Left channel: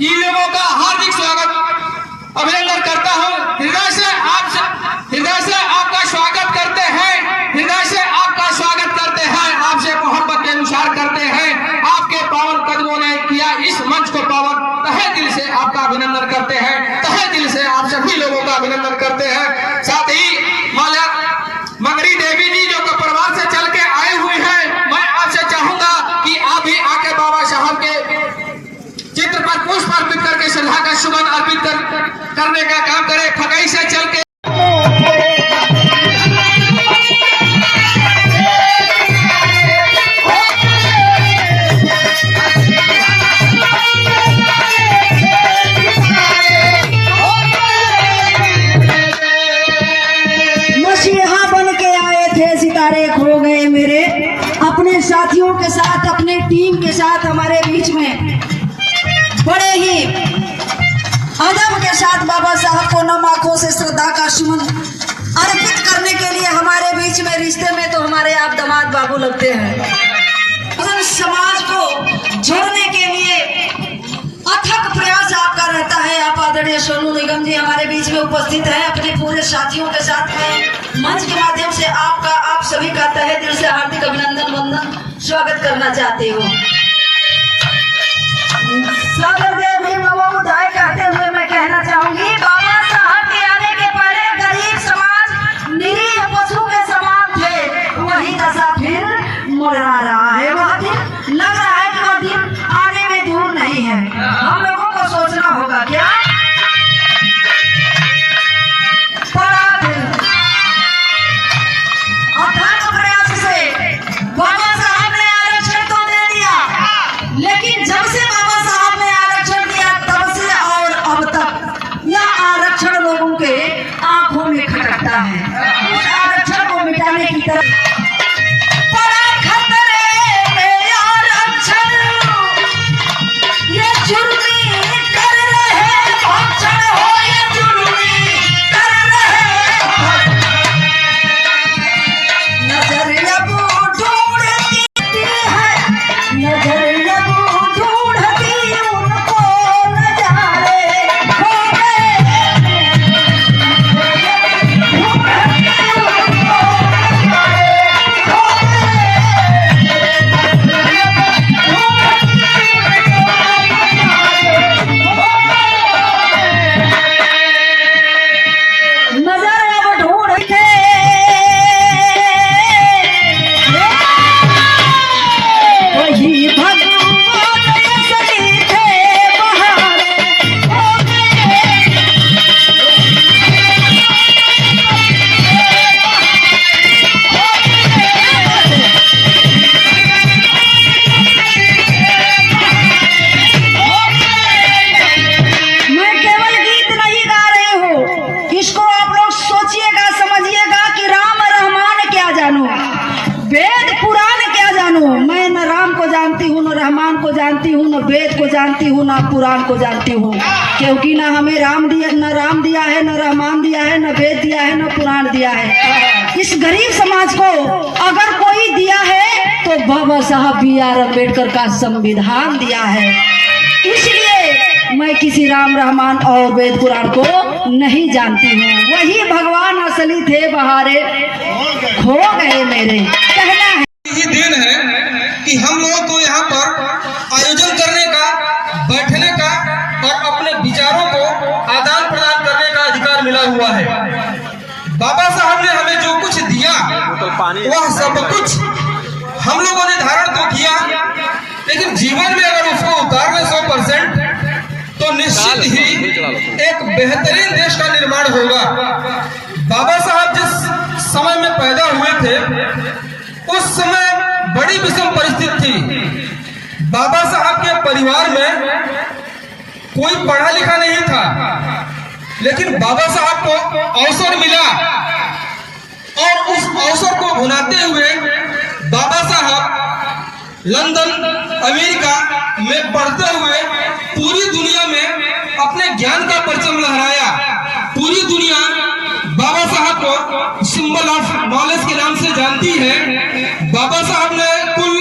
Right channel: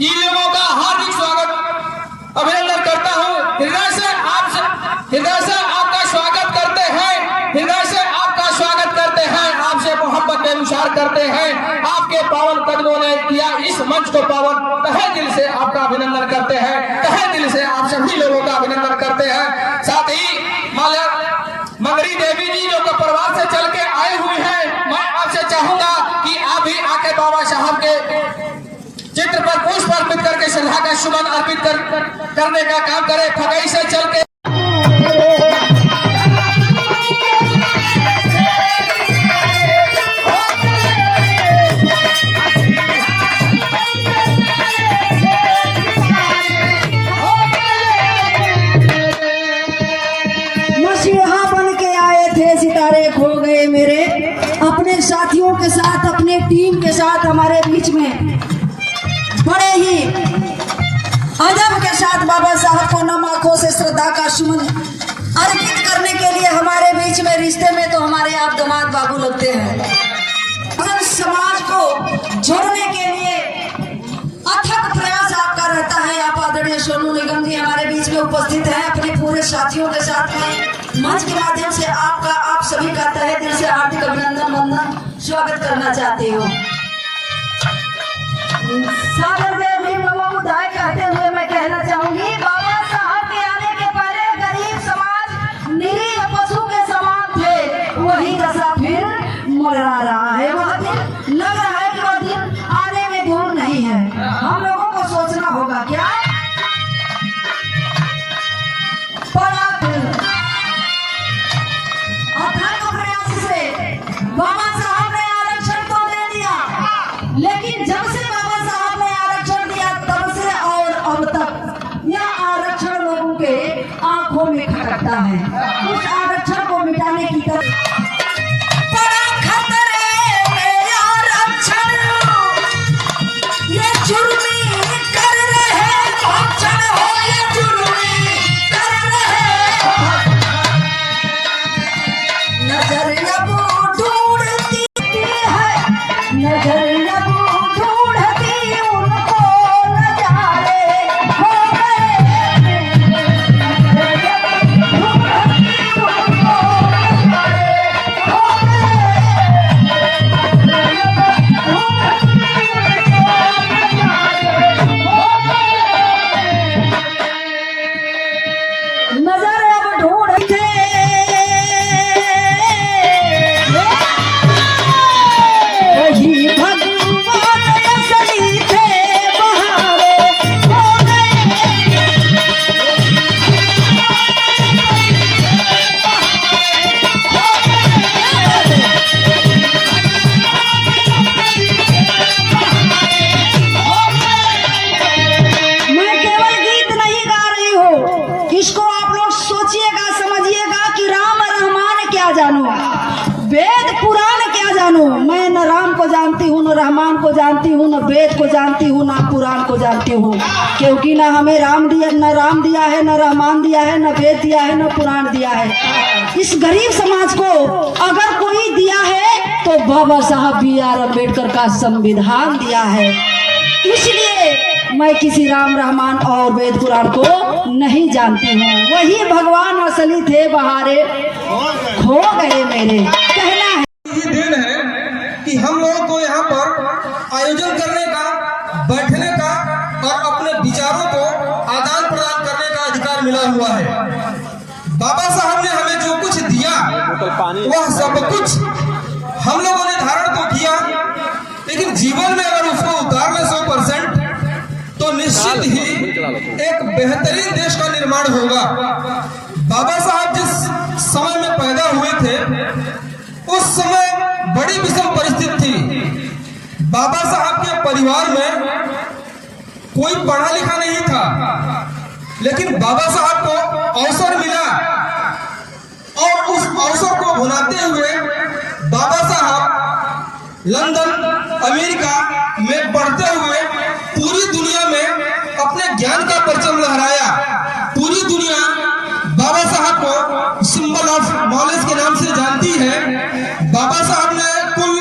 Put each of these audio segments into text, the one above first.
जी लोगों का हार्दिक स्वागत अभिनंदन करता हूँ। हृदय से आपका स्वागत करते हैं, हृदय से आपका स्वागत करते हैं, आपसे मोहब्बत के अनुसार करते हैं। आपके पावन कदमों ने किया इस मंच को पावन, तहे दिल से आपका अभिनंदन करते हैं, तहे दिल से आप सभी लोगों का अभिनंदन करते हैं। साथ ही मंगरी देवी जी जो परिवार से चल के आए हुए हैं, मैं आपसे चाहूंगा कि आप भी आके बाबा साहब के चित्र पर पुष्प अर्पित करके श्रद्धा का सुमन अर्पित करने का काम करें। ठगई से चल के साथियों के साथ, अपने टीम के साथ हमारे बीच में बड़े ही अदब के साथ बाबा साहब को नम आंखों से श्रद्धा का सुमन अर्पित करने के लिए हमारे बीच में, रिश्ते में तो हमारे आप दामाद बाबू लगते हैं। समाज को जोड़ने के लिए अथक प्रयास आपका रहता है। आप आदरणीय सोनू निगम जी हमारे बीच में उपस्थित हैं अपने पूरे साथियों के साथ में। मंच के माध्यम से आपका, आप सभी का तहे दिल से हार्दिक अभिनंदन वंदन स्वागत करना चाहती हूँ। सागर देव भी ममोदाय करते हुए मैं कहना चाहूंगी, बाबा साहब के आने के पहले गरीब समाज निरीह पशु के समान थे, वही दशा फिर मरा रहा है। वह दिन लग रहा है कि वह दिन आने में दूर नहीं है। हम लोगों को सोचना होगा क्या बाबा साहब ने आरक्षण तो दे दिया, लेकिन जब से बाबा साहब ने आरक्षण दिया तब से और अब तक यह आरक्षण लोगों के आंखों में खटकता है। उस आरक्षण को मिटाने की तरफ वेद पुराण क्या जानू, मैं न राम को जानती हूँ, न रहमान को जानती हूँ, न वेद को जानती हूँ, न पुराण को जानती हूँ, क्योंकि न हमें राम दिया, न राम दिया है, न रहमान दिया है, न वेद दिया है, न पुराण दिया है। इस गरीब समाज को अगर कोई दिया है तो बाबा साहब B.R. अम्बेडकर का संविधान दिया है। इसलिए मैं किसी राम रहमान और वेद पुराण को नहीं जानती हूँ। वही भगवान असली थे, बहारे खो गए मेरे। कहना है यही दिन है कि हम लोगों को यहाँ पर आयोजन करने का, बैठने का और अपने विचारों को आदान प्रदान करने का अधिकार मिला हुआ है। बाबा साहब ने हमें जो कुछ दिया वह सब कुछ हम लोगों ने धारण तो किया, लेकिन जीवन में अगर उसको उतार ले 100% तो निश्चित ही एक बेहतरीन देश का निर्माण होगा। बाबा साहब जिस समय में पैदा हुए थे उस समय बड़ी विषम परिस्थिति थी। बाबा साहब के परिवार में कोई पढ़ा लिखा नहीं था, लेकिन बाबा साहब को अवसर मिला और उस अवसर को भुनाते हुए बाबा साहब लंदन, अमेरिका में पढ़ते हुए पूरी दुनिया में अपने ज्ञान का परचम लहराया। पूरी दुनिया बाबा साहब को सिंबल ऑफ नॉलेज के नाम से जानती है। बाबा साहब ने कुल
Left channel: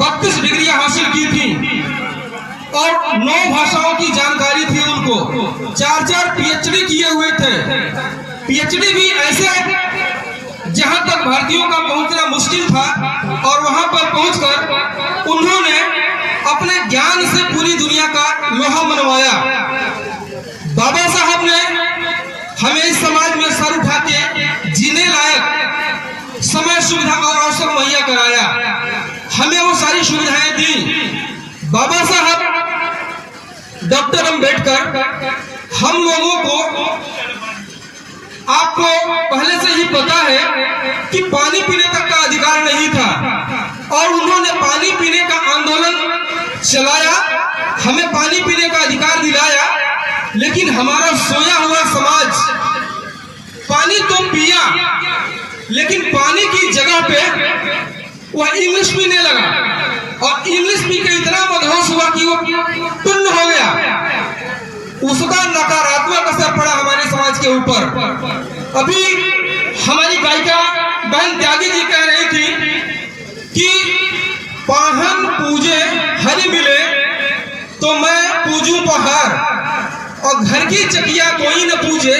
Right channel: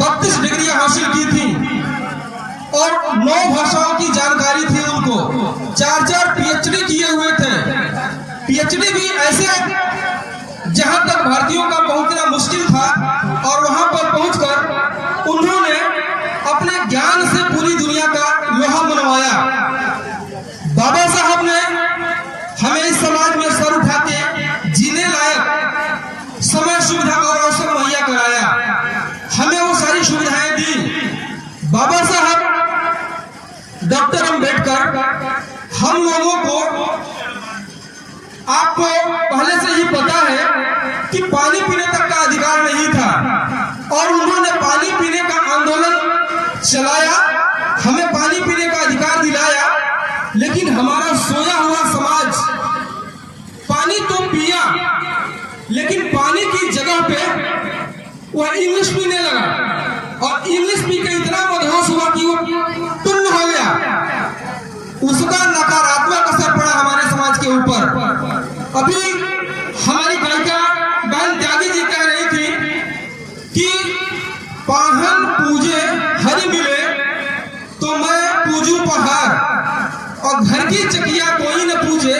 32 डिग्रियां हासिल की थी और 9 भाषाओं की पीएचडी भी ऐसे जहां तक भारतीयों का पहुंचना मुश्किल था, और वहां पर पहुंचकर उन्होंने अपने ज्ञान से पूरी दुनिया का लोहा मनवाया। बाबा साहब ने हमें इस समाज में सर उठा के जीने लायक समय, सुविधा और अवसर मुहैया कराया। हमें वो सारी सुविधाएं दी। बाबा साहब डॉक्टर अम्बेडकर हम लोगों को, आपको पहले से ही पता है कि पानी पीने तक का अधिकार नहीं था, और उन्होंने पानी पीने का आंदोलन चलाया, हमें पानी पीने का अधिकार दिलाया। लेकिन हमारा सोया हुआ समाज पानी तो पिया, लेकिन पानी की जगह पे वह इंग्लिश पीने लगा, और इंग्लिश पी के इतना मदहोश हुआ कि वो टुन्न हो गया। उसका नकारात्मक असर पड़ा हमारे समाज के ऊपर। अभी हमारी गायिका बहन त्यागी जी कह रही थी कि पाहन पूजे हरि मिले तो मैं पूजू पहाड़, और घर की चकिया कोई न पूजे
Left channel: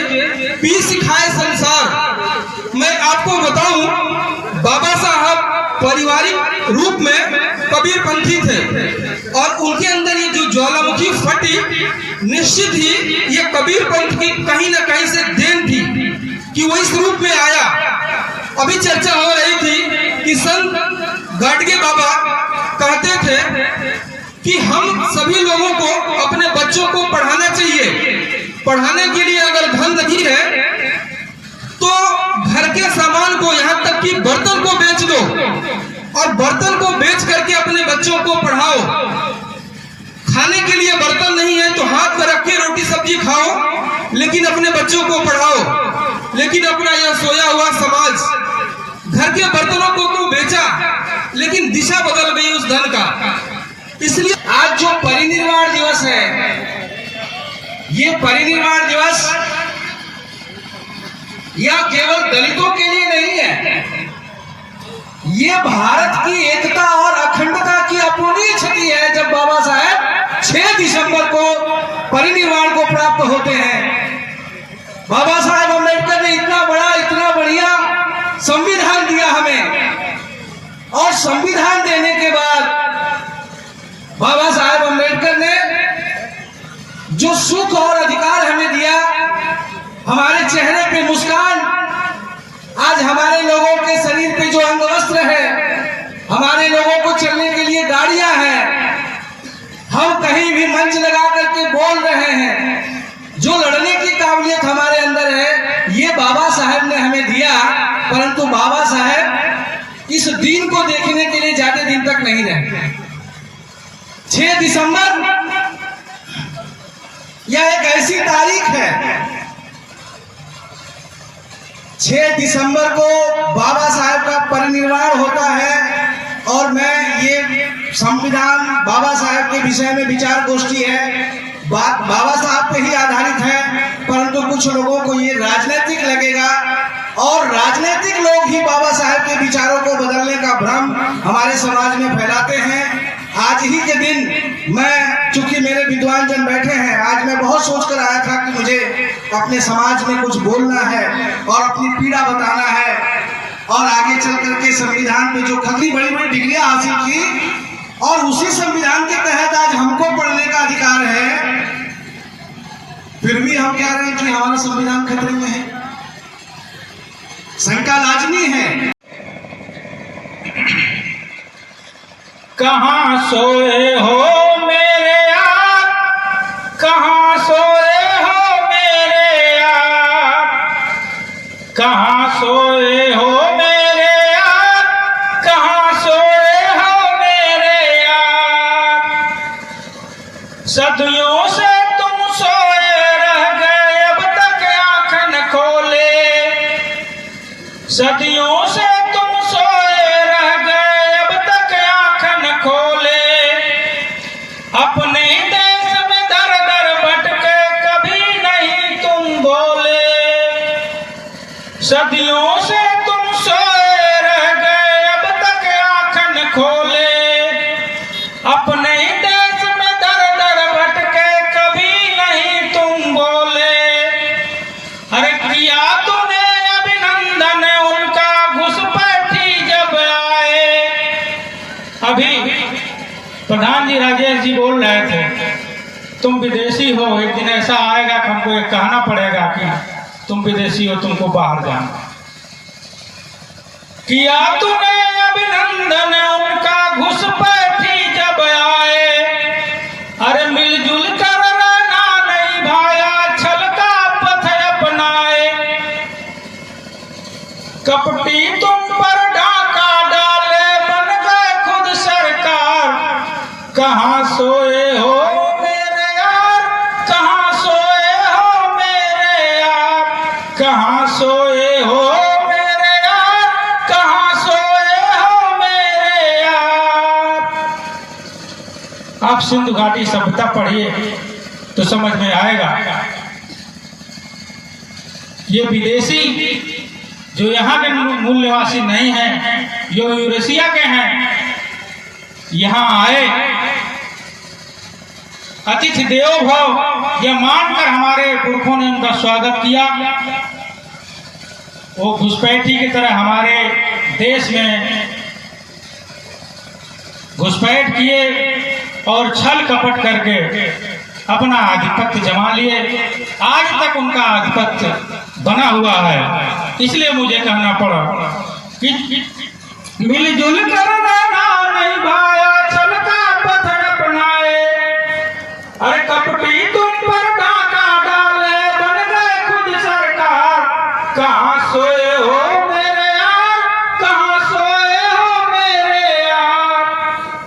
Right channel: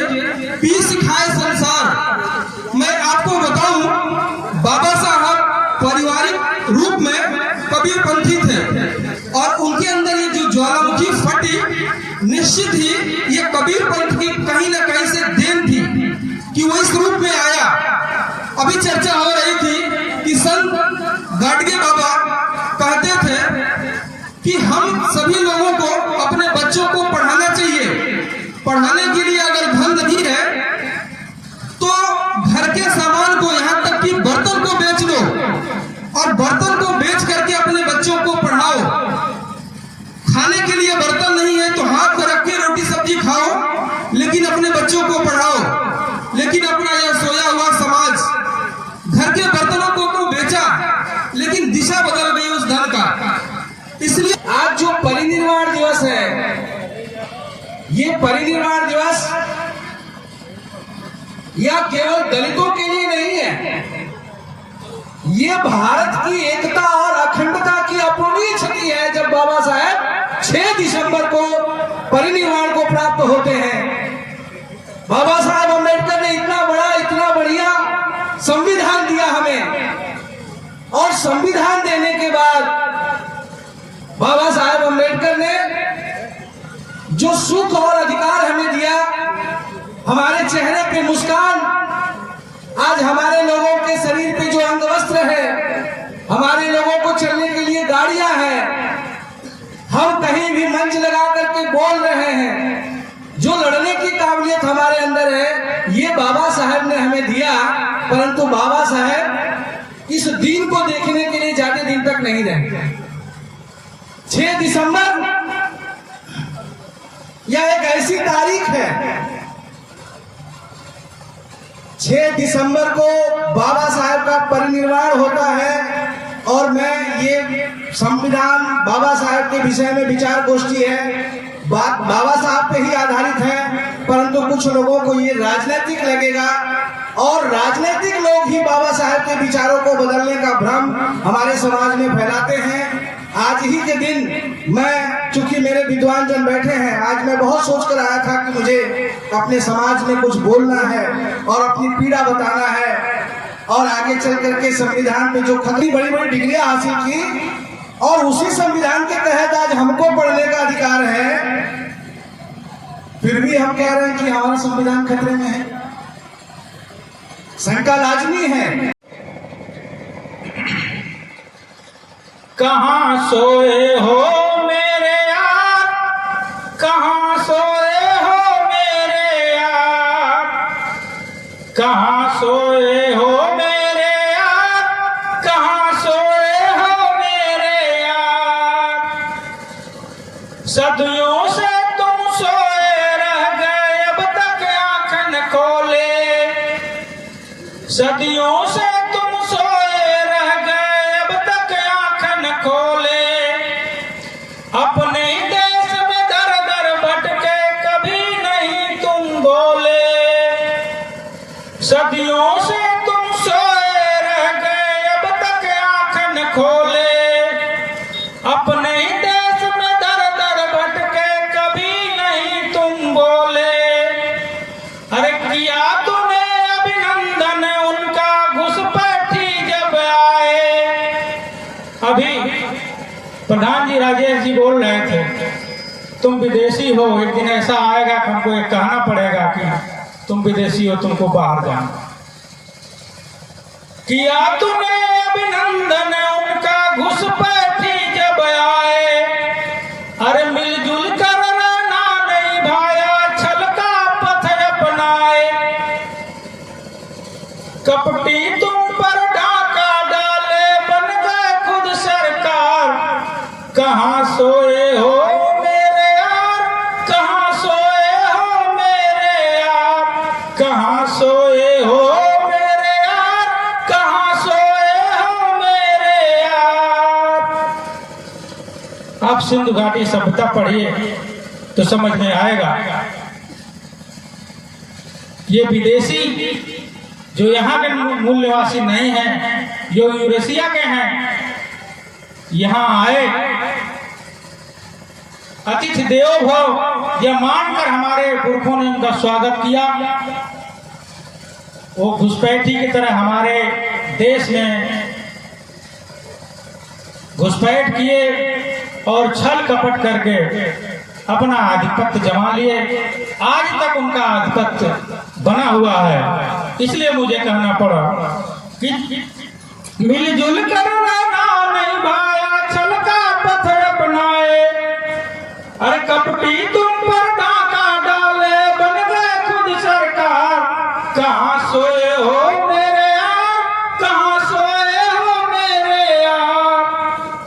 पी सिखाए संसार। मैं आपको बताऊं, बाबा साहब पारिवारिक रूप में कबीरपंथी थे, और उनके अंदर ये जो ज्वालामुखी फटी, निश्चित ही ये कबीरपंथ की कहीं ना कहीं से देन थी कि वो इस रूप में आया। अभी चर्चा हो रही थी कि संत गाडगे बाबा कहते थे कि हम सभी लोगों को अपने बच्चों को पढ़ाना चाहिए। पढ़ाने के लिए अगर धन नहीं है तो घर के सामान को, यहाँ तक कि बर्तन को बेच दो, और बर्तन को बेच करके अपने बच्चों को पढ़ाओ। खाने के लिए बर्तन नहीं है तो हाथ में रख के रोटी सब्जी खाओ, लेकिन अपने बच्चों को पढ़ाओ। लेकिन अपना यह सोया हुआ समाज घर के बर्तनों को तो बेचा, लेकिन दिशा बदल गई उस धन का। इसलिए आज जो परिनिर्वाण दिवस है, ये परिनिर्वाण दिवस या केवल दलितों के लिए नहीं है, ये भारत की एकता और अखंडता की अपूर्णीय क्षति है। जब बाबा साहब 6 दिसंबर को परिनिर्वाण को प्राप्त होते हैं, बाबा साहब अम्बेडकर ने इतना बड़ा, इतना बढ़िया संविधान दिया हमें, और संविधान देने के बाद बाबा साहब अम्बेडकर ने जो सुख और अधिकार हमें दिया, हमारे चेहरे पे मुस्कान, आज हमारे लोगों के शरीर पे जो अंग वस्त्र है, हमारे लोगों को चलने के लिए गाड़ियां हैं, हम कहीं भी मंच लगा करके बोल रहे हैं, जो लड़ने की काबिलियत हमारे अंदर है, ये बाबा साहब ने हमें दिया। परंतु बाबा साहब इस दिन को देखने के लिए ज्यादा दिन तक नहीं रहे। 6 दिसंबर यह एक ऐसी तारीख है, 6 दिसंबर को बाबा साहब का परिनिर्वाण होता है, और मैं ये संविधान बाबा साहब के विषय में विचार गोष्ठी है, बात बाबा साहब पे ही आधारित है, परंतु कुछ लोगों को ये राजनीतिक लगेगा, और राजनीतिक लोग ही बाबा साहब के विचारों को बदलने का भ्रम हमारे समाज में फैलाते हैं। आज ही के दिन मैं, चूंकि मेरे विद्वान जन बैठे हैं, आज मैं बहुत सोच कर आया था कि मुझे अपने समाज में कुछ बोलना है और अपनी पीड़ा बताना है, और आगे चल करके संविधान में जो खतरी बड़ी बड़ी डिग्रियां हासिल की, और उसी संविधान के तहत आज हमको पढ़ने का अधिकार है, फिर भी हम कह रहे हैं कि हमारा संविधान खतरे में है। शंका लाजमी है। कहाँ सोए हो मेरे यार, कहाँ सोए हो मेरे यार, कहाँ सोए हो मेरे यार, कहाँ सोए हो मेरे यार। सदियों से तुम सोए रह गए, अब तक आँख न खोले। सदियों से तुम सोए रह गए, अब तक आँख न खोले। अपने देश में दर दर भटके, कभी नहीं तुम बोले। सदियों से तुम सोए रह गए, अब तक आँख न खोले। अपने देश में दर दर भटके, कभी नहीं तुम बोले। अरे किया तूने प्रधान जी राजेश जी बोल रहे थे, तुम विदेशी हो, एक दिन ऐसा आएगा कि हमको ये कहना पड़ेगा कि तुम विदेशी हो, तुमको बाहर जाना। किया तुम्हें अभिनंदन उनका घुसपैठी जब आए, अरे मिलजुल कर रहना नहीं भाया, छल का पथ अपनाए। कपटी तुम पर डाका डाले, बन गए खुद सरकार। कहाँ सोए हो मेरे यार, कहाँ सोए हो मेरे यार, कहाँ सोए हो मेरे यार, कहाँ सोए हो मेरे यार। आप सिंधु घाटी सभ्यता पढ़िए तो समझ में आएगा। ये विदेशी जो यहाँ के मूल निवासी नहीं हैं, जो यूरेशिया के हैं, यहाँ आए अतिथि देवो भव यह मानकर हमारे पुरखों ने उनका स्वागत किया। वो घुसपैठी की तरह हमारे देश में घुसपैठ किए और छल कपट करके अपना आधिपत्य जमा लिए। आज तक उनका आधिपत्य बना हुआ है। इसलिए मुझे कहना पड़ा कि मिलजुल कर रहना नहीं भाया, छल का पथ अपनाए। अरे कपटी तुम पर डाका डाले, बन गए खुद सरकार। कहाँ सोए हो मेरे यार, कहाँ सोए हो मेरे यार,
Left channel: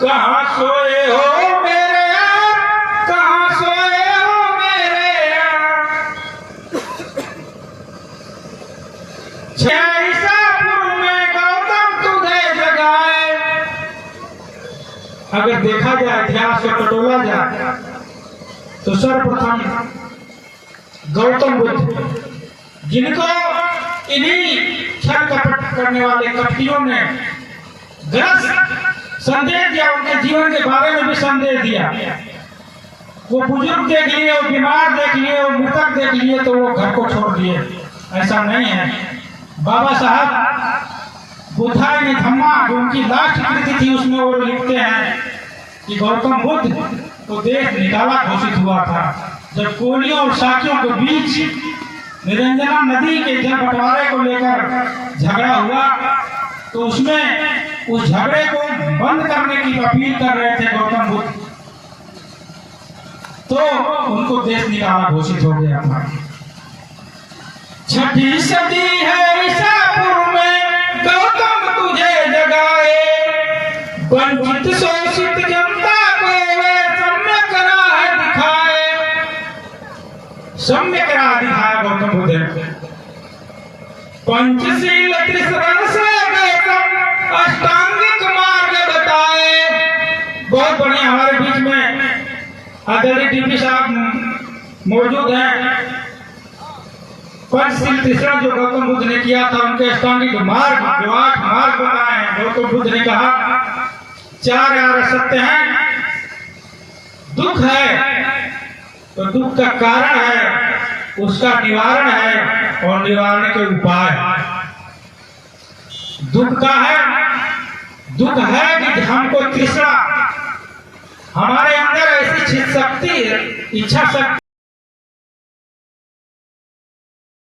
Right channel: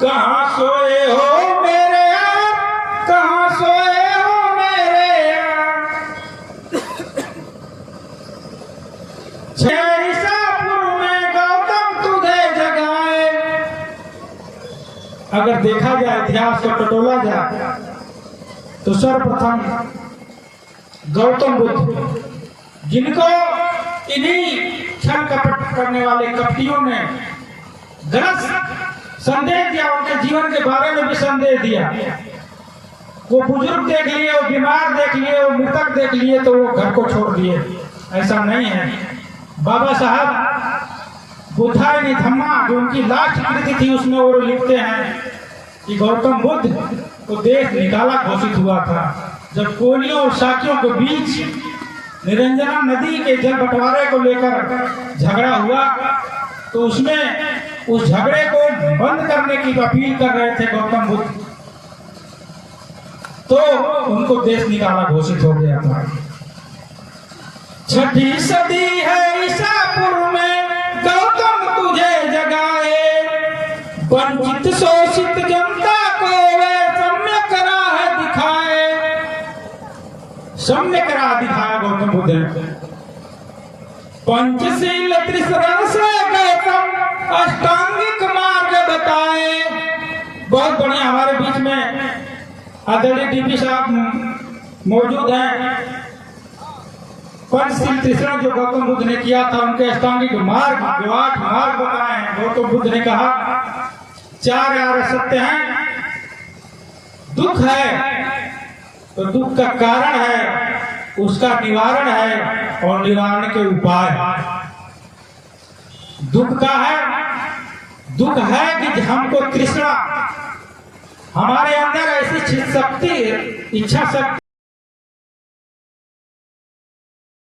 कहाँ सोए हो मेरे यार, कहाँ सोए हो मेरे यार। ईसापुर में गौतम तुझे जगाए। अगर देखा जाए, इतिहास से टटोला जाए, तो सर्वप्रथम गौतम बुद्ध, जिनको इन्हीं छल कपट करने वाले कपटियों ने गलत संदेश दिया, उनके जीवन के बारे में भी संदेश दिया। वो बुजुर्ग देख लिए, वो बीमार देख लिए, वो मृतक देख लिए, तो वो घर को छोड़ दिए। ऐसा नहीं है। बाबा साहब बुद्धाय धम्मा, जो उनकी लास्ट कृति थी, उसमें वो लिखते हैं कि गौतम बुद्ध तो देश निकाला घोषित हुआ था। जब कोलियों और साकियों के बीच निरंजना नदी के जल बंटवारे को लेकर झगड़ा हुआ, तो उसमें उस झगड़े को बंद करने की अपील कर रहे थे गौतम बुद्ध, तो उनको देश निकाला घोषित हो गया था। छठी सदी है ईसापुर में, गौतम तुझे जगाए। वंचित शोषित जनता को वे सम्य करा है दिखाए। सम्य करा दिखाया गौतम बुद्ध ने। पंचशील त्रिशरण से गौतम अष्टांगिक मार्ग बताए। बहुत बढ़िया। हमारे बीच में आदरणीय डीपी साहब मौजूद हैं। पंचशील त्रिशरण जो गौतम बुद्ध ने किया था, उनके अष्टांगिक मार्ग, जो 8 मार्ग बताए हैं। गौतम बुद्ध ने कहा 4 यार सत्य हैं। दुख है तो दुख का कारण है, उसका निवारण है और निवारण के उपाय। दुख का है, दुख है कि हमको तृष्णा, हमारे अंदर ऐसी शक्ति, इच्छा शक्ति